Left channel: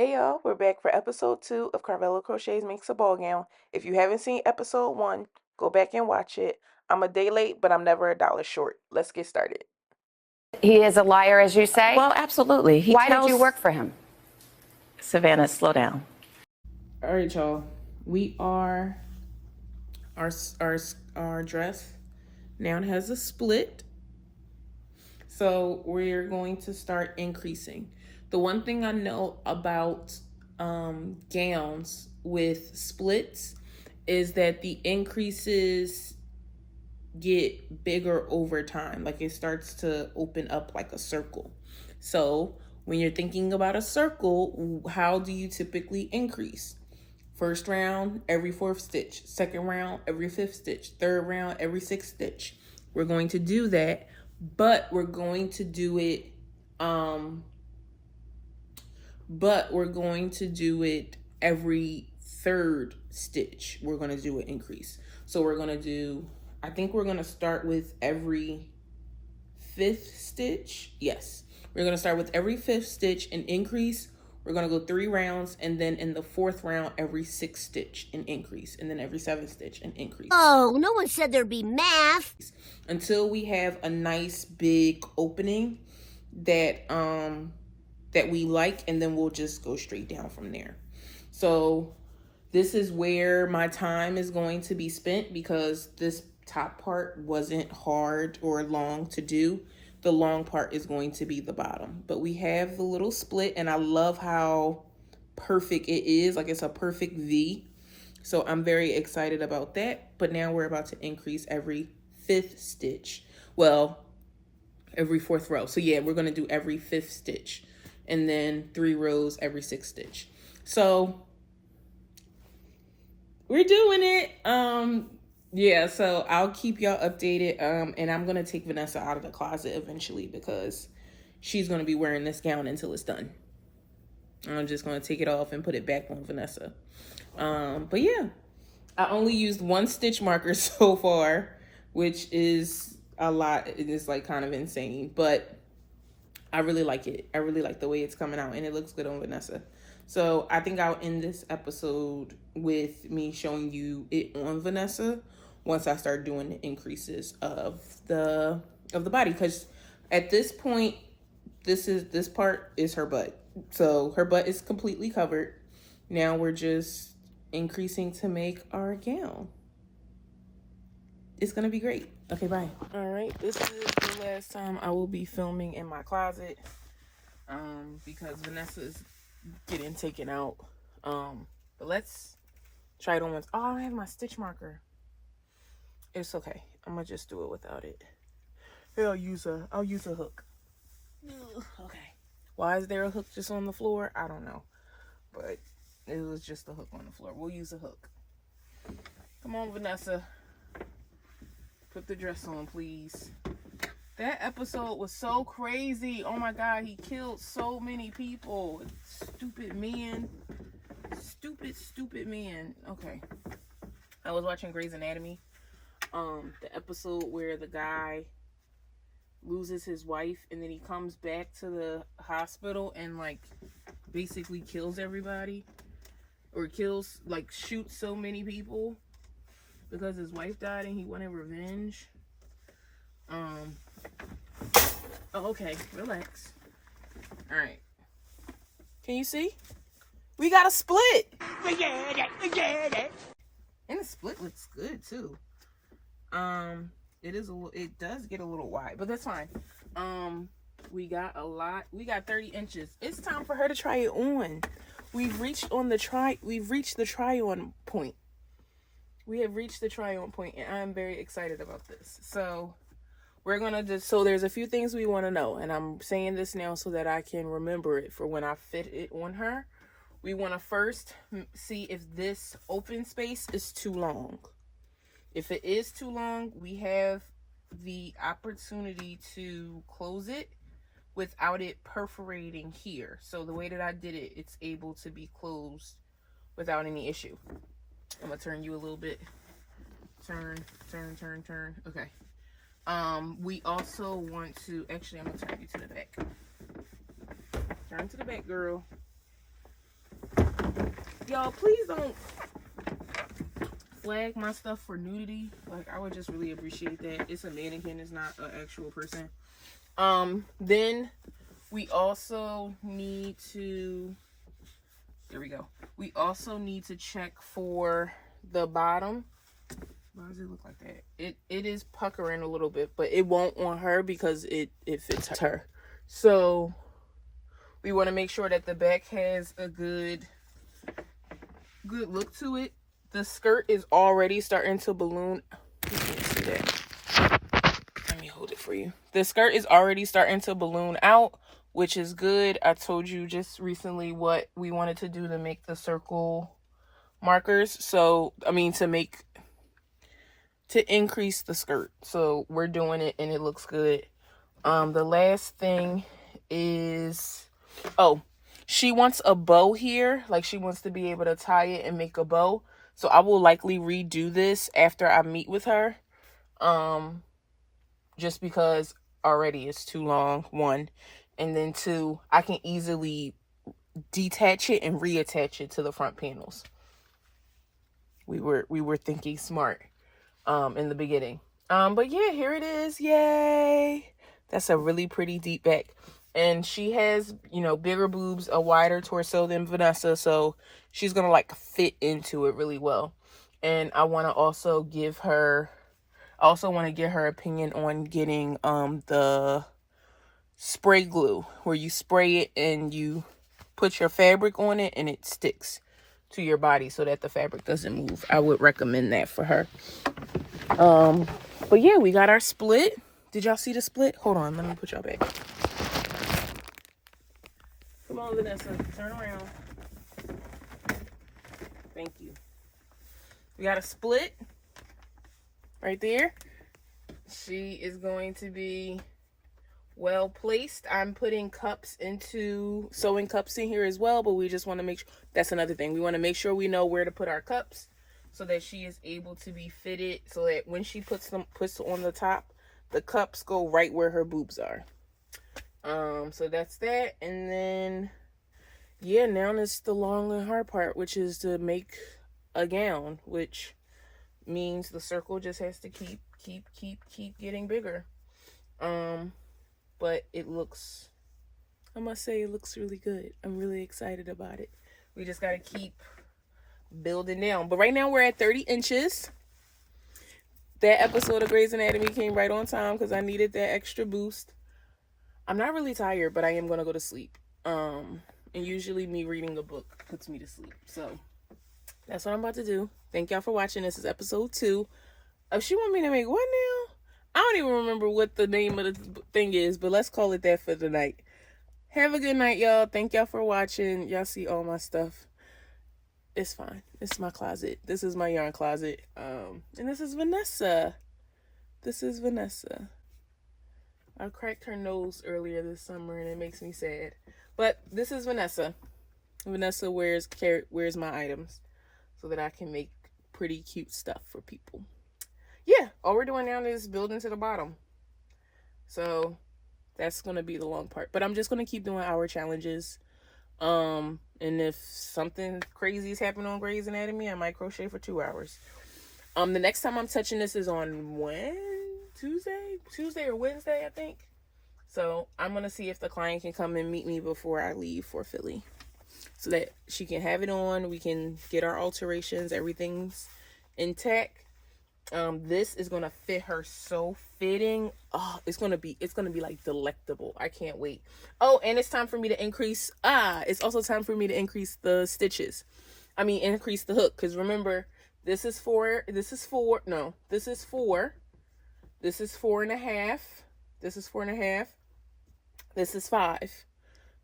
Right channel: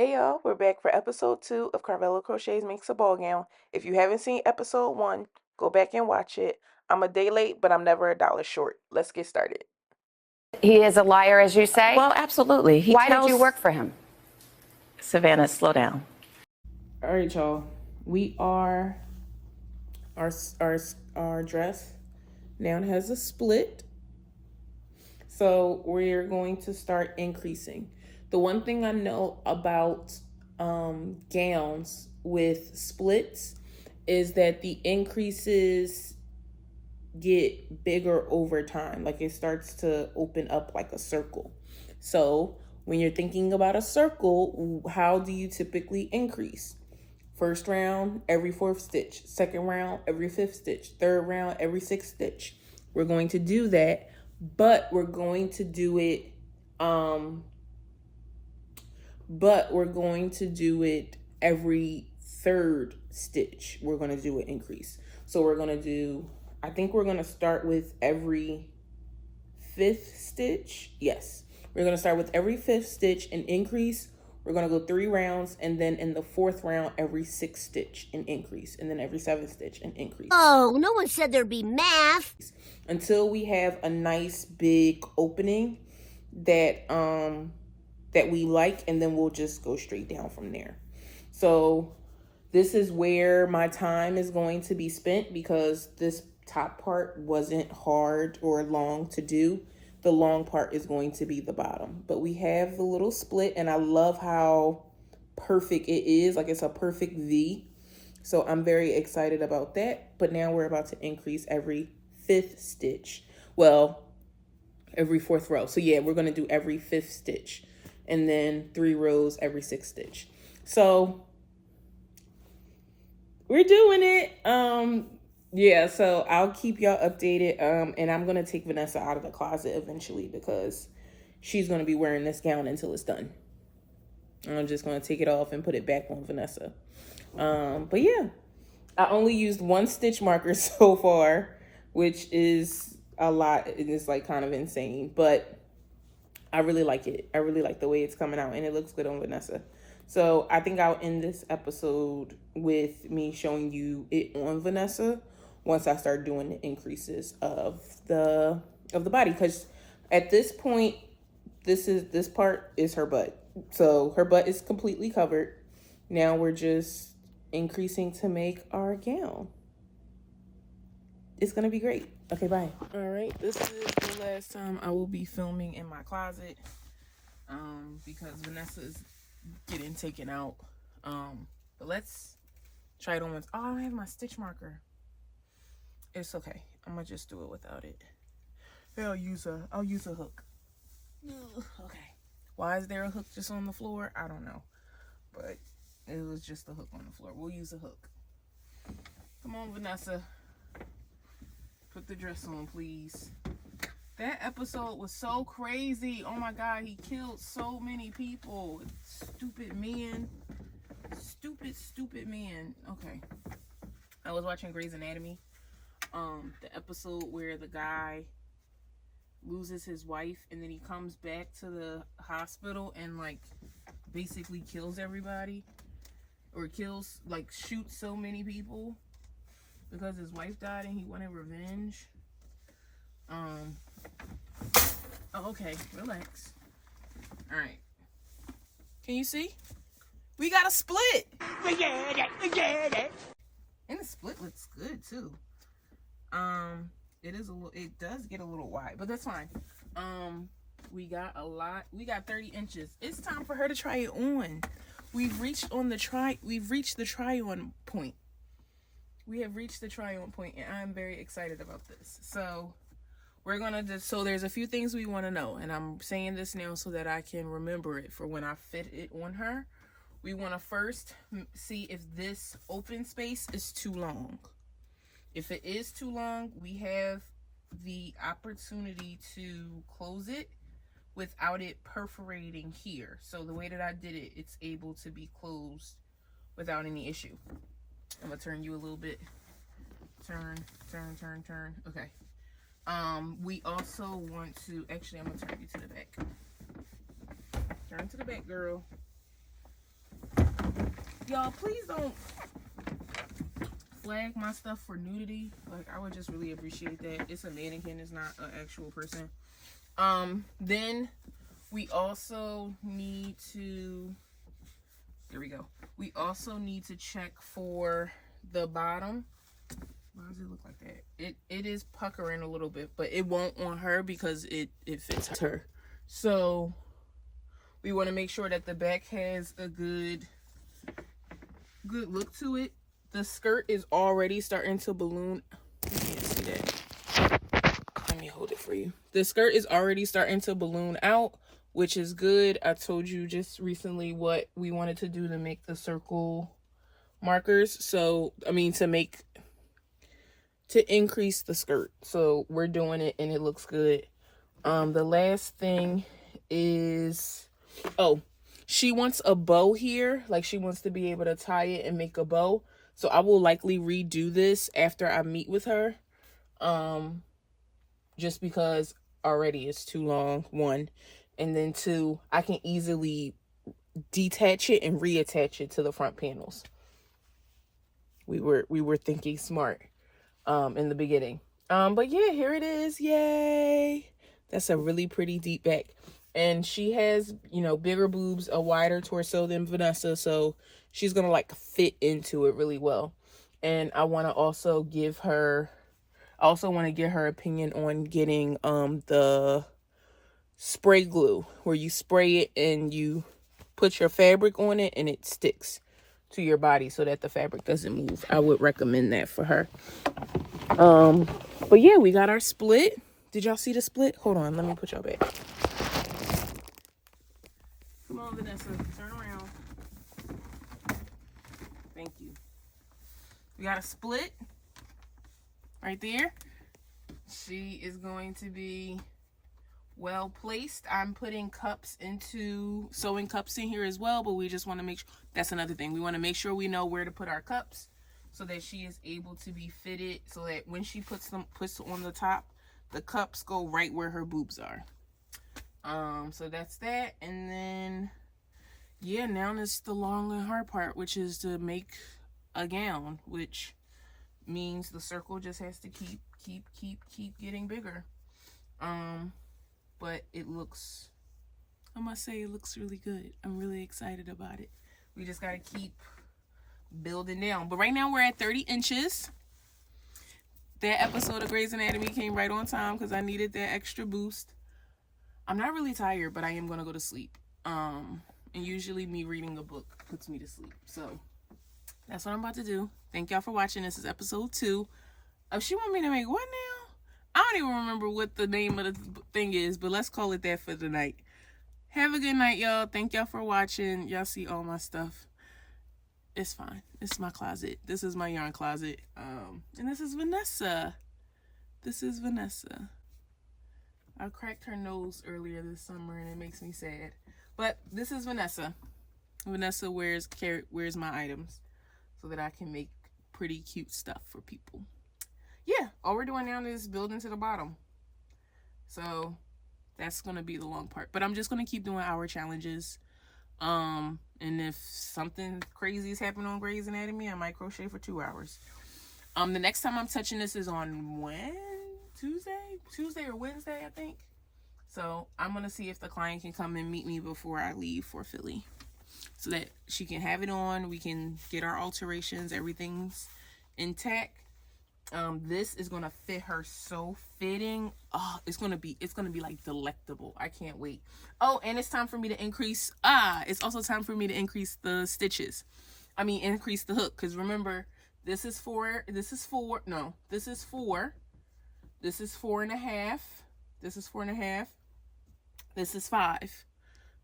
Hey y'all, we're back for episode 2 of Carvalho Crochets Makes a Ball Gown. If you haven't seen episode 1, go back and watch it. I'm a day late, but I'm never a dollar short. Let's get started. He is a liar, as you say? Well, absolutely. Why did you work for him? Savannah, slow down. All right, y'all. We are our dress now has a split. So we're going to start increasing. The one thing I know about gowns with splits is that the increases get bigger over time. Like it starts to open up like a circle. So when you're thinking about a circle, how do you typically increase? First round, every fourth stitch. Second round, every fifth stitch. Third round, every sixth stitch. We're going to do that, but we're going to do it every third stitch. We're going to do an increase. So we're going to do, I think we're going to start with every fifth stitch. Yes, we're going to start with every fifth stitch and increase. We're going to go 3 rounds, and then in the fourth round, every 6th stitch and increase, and then every 7th stitch and increase. Oh, no one said there'd be math. Until we have a nice big opening that we like, and then we'll just go straight down from there. So this is where my time is going to be spent, because this top part wasn't hard or long to do. The long part is going to be the bottom, but we have the little split, and I love how perfect it is. Like it's a perfect V. So I'm very excited about that. But now we're about to increase every 5th stitch. Well, every 4th row. So yeah, we're going to do every 5th stitch, and then 3 rows every 6th stitch. So we're doing it. Yeah, so I'll keep y'all updated. And I'm gonna take Vanessa out of the closet eventually, because she's gonna be wearing this gown until it's done. I'm just gonna take it off and put it back on Vanessa. But yeah, I only used 1 stitch marker so far, which is a lot. It is like kind of insane, but I really like it. I really like the way it's coming out, and it looks good on Vanessa. So I think I'll end this episode with me showing you it on Vanessa once I start doing the increases of the body, because at this point, this part is her butt. So her butt is completely covered. Now we're just increasing to make our gown. It's gonna be great. Okay, bye. All right, this is the last time I will be filming in my closet, because Vanessa is getting taken out. But let's try it on once. Oh, I don't have my stitch marker. It's okay. I'm gonna just do it without it. Here, I'll use a hook. Ugh, okay. Why is there a hook just on the floor? I don't know, but it was just a hook on the floor. We'll use a hook. Come on, Vanessa. Put the dress on, please. That episode was so crazy. Oh my God, he killed so many people. Stupid men. Stupid men. Okay. I was watching Grey's Anatomy. The episode where the guy loses his wife, and then he comes back to the hospital and like basically kills everybody, or shoots so many people because his wife died and he wanted revenge. Oh, okay, relax. All right, can you see? We got a split. And the split looks good too. It does get a little wide, but that's fine. We got 30 inches. It's time for her to try it on. We've reached the try on point. We have reached the try on point, and I'm very excited about this. So there's a few things we want to know, and I'm saying this now so that I can remember it for when I fit it on her. We want to first see if this open space is too long. If it is too long, we have the opportunity to close it without it perforating here. So the way that I did it, it's able to be closed without any issue. I'm gonna turn you a little bit. Turn. Okay. We also want to, actually, I'm gonna turn you to the back. Turn to the back, girl. Y'all, please don't flag my stuff for nudity. Like, I would just really appreciate that. It's a mannequin, it's not an actual person. Then we also need to, there we go. We also need to check for the bottom. Why does it look like that? It is puckering a little bit, but it won't on her because it fits her. So we want to make sure that the back has a good look to it. The skirt is already starting to balloon. You can't see that. Let me hold it for you. The skirt is already starting to balloon out, which is good. I told you just recently what we wanted to do to make the circle markers. So, I mean, to increase the skirt. So we're doing it and it looks good. The last thing is, oh, she wants a bow here. Like, she wants to be able to tie it and make a bow. So I will likely redo this after I meet with her. Just because already it's too long, one. And then two, I can easily detach it and reattach it to the front panels. We were thinking smart in the beginning. But yeah, here it is. Yay. That's a really pretty deep back. And she has, you know, bigger boobs, a wider torso than Vanessa, so she's gonna like fit into it really well. And I want to also get her opinion on getting the spray glue, where you spray it and you put your fabric on it and it sticks to your body so that the fabric doesn't move. I would recommend that for her. But yeah, we got our split. Did y'all see the split? Hold on, let me put y'all back. Come on, Vanessa, turn around. Thank you. We got a split right there. She is going to be well placed. I'm putting sewing cups in here as well, but we just want to make sure, that's another thing. We want to make sure we know where to put our cups so that she is able to be fitted, so that when she puts on the top, the cups go right where her boobs are. So that's that. And then yeah, now it's the long and hard part, which is to make a gown, which means the circle just has to keep getting bigger. But it looks, I must say, it looks really good. I'm really excited about it. We just got to keep building down. But right now we're at 30 inches. That episode of Grey's Anatomy came right on time because I needed that extra boost. I'm not really tired, but I am going to go to sleep. And usually me reading a book puts me to sleep. So that's what I'm about to do. Thank y'all for watching. This is episode 2. She want me to make what now? I don't even remember what the name of the thing is, but let's call it that for the night. Have a good night, y'all. Thank y'all for watching. Y'all see all my stuff. It's fine. It's my closet. This is my yarn closet. And this is Vanessa. I cracked her nose earlier this summer and it makes me sad. But this is Vanessa. Vanessa wears my items so that I can make pretty cute stuff for people. Yeah, all we're doing now is building to the bottom. So that's going to be the long part. But I'm just going to keep doing our challenges. And if something crazy is happening on Grey's Anatomy, I might crochet for 2 hours. The next time I'm touching this is on Tuesday or Wednesday, I think. So I'm going to see if the client can come and meet me before I leave for Philly, so that she can have it on. We can get our alterations, everything's intact. This is going to fit her so fitting. Oh, it's going to be like delectable. I can't wait. Oh, and it's time for me to increase. It's also time for me to increase the stitches. Increase the hook. Because remember, this is 4. This is 4.5. This is 4.5. This is 5.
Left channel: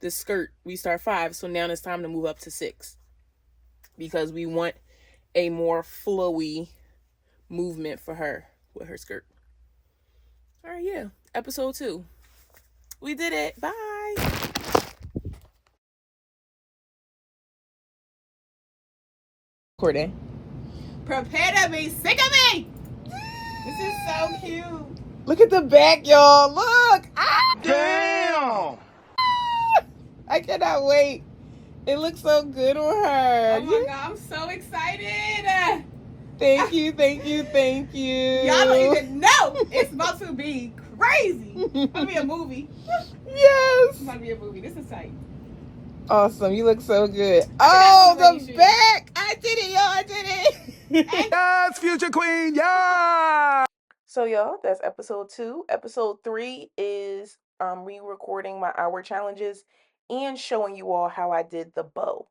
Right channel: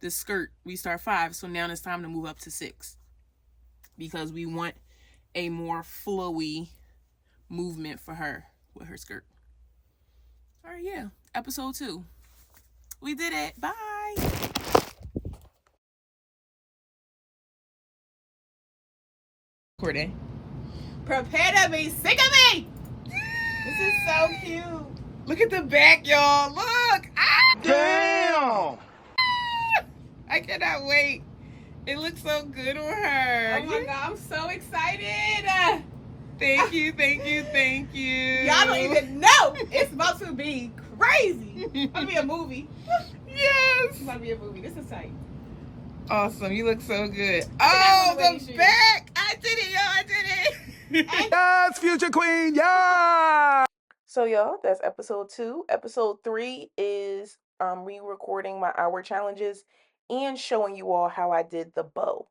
This skirt, we start 5. So now it's time to move up to 6. Because we want a more flowy movement for her with her skirt. All right, yeah. Episode 2. We did it. Bye. Recording. Prepare to be sick of me. This is so cute. Look at the back, y'all. Look. Damn. I cannot wait. It looks so good on her. Oh my God, I'm so excited. Thank you, thank you, thank you. Y'all don't even know. It's about to be crazy. It's about to be a movie. Yes. It's about to be a movie. This is tight. Awesome. You look so good. I Oh, think the I'm back. I did it, y'all. I did it. Yes, future queen, yeah! So, y'all, that's episode 2. Episode 3 is re-recording my hour challenges and showing you all how I did the bow.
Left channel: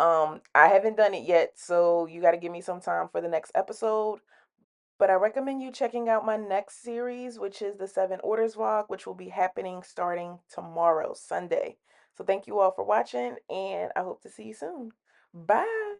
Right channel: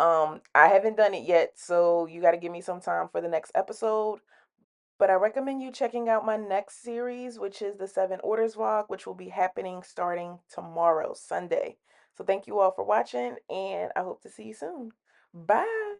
I haven't done it yet, so you got to give me some time for the next episode. But I recommend you checking out my next series, which is the 7 Orders vlog, which will be happening starting tomorrow, Sunday. So thank you all for watching, and I hope to see you soon. Bye!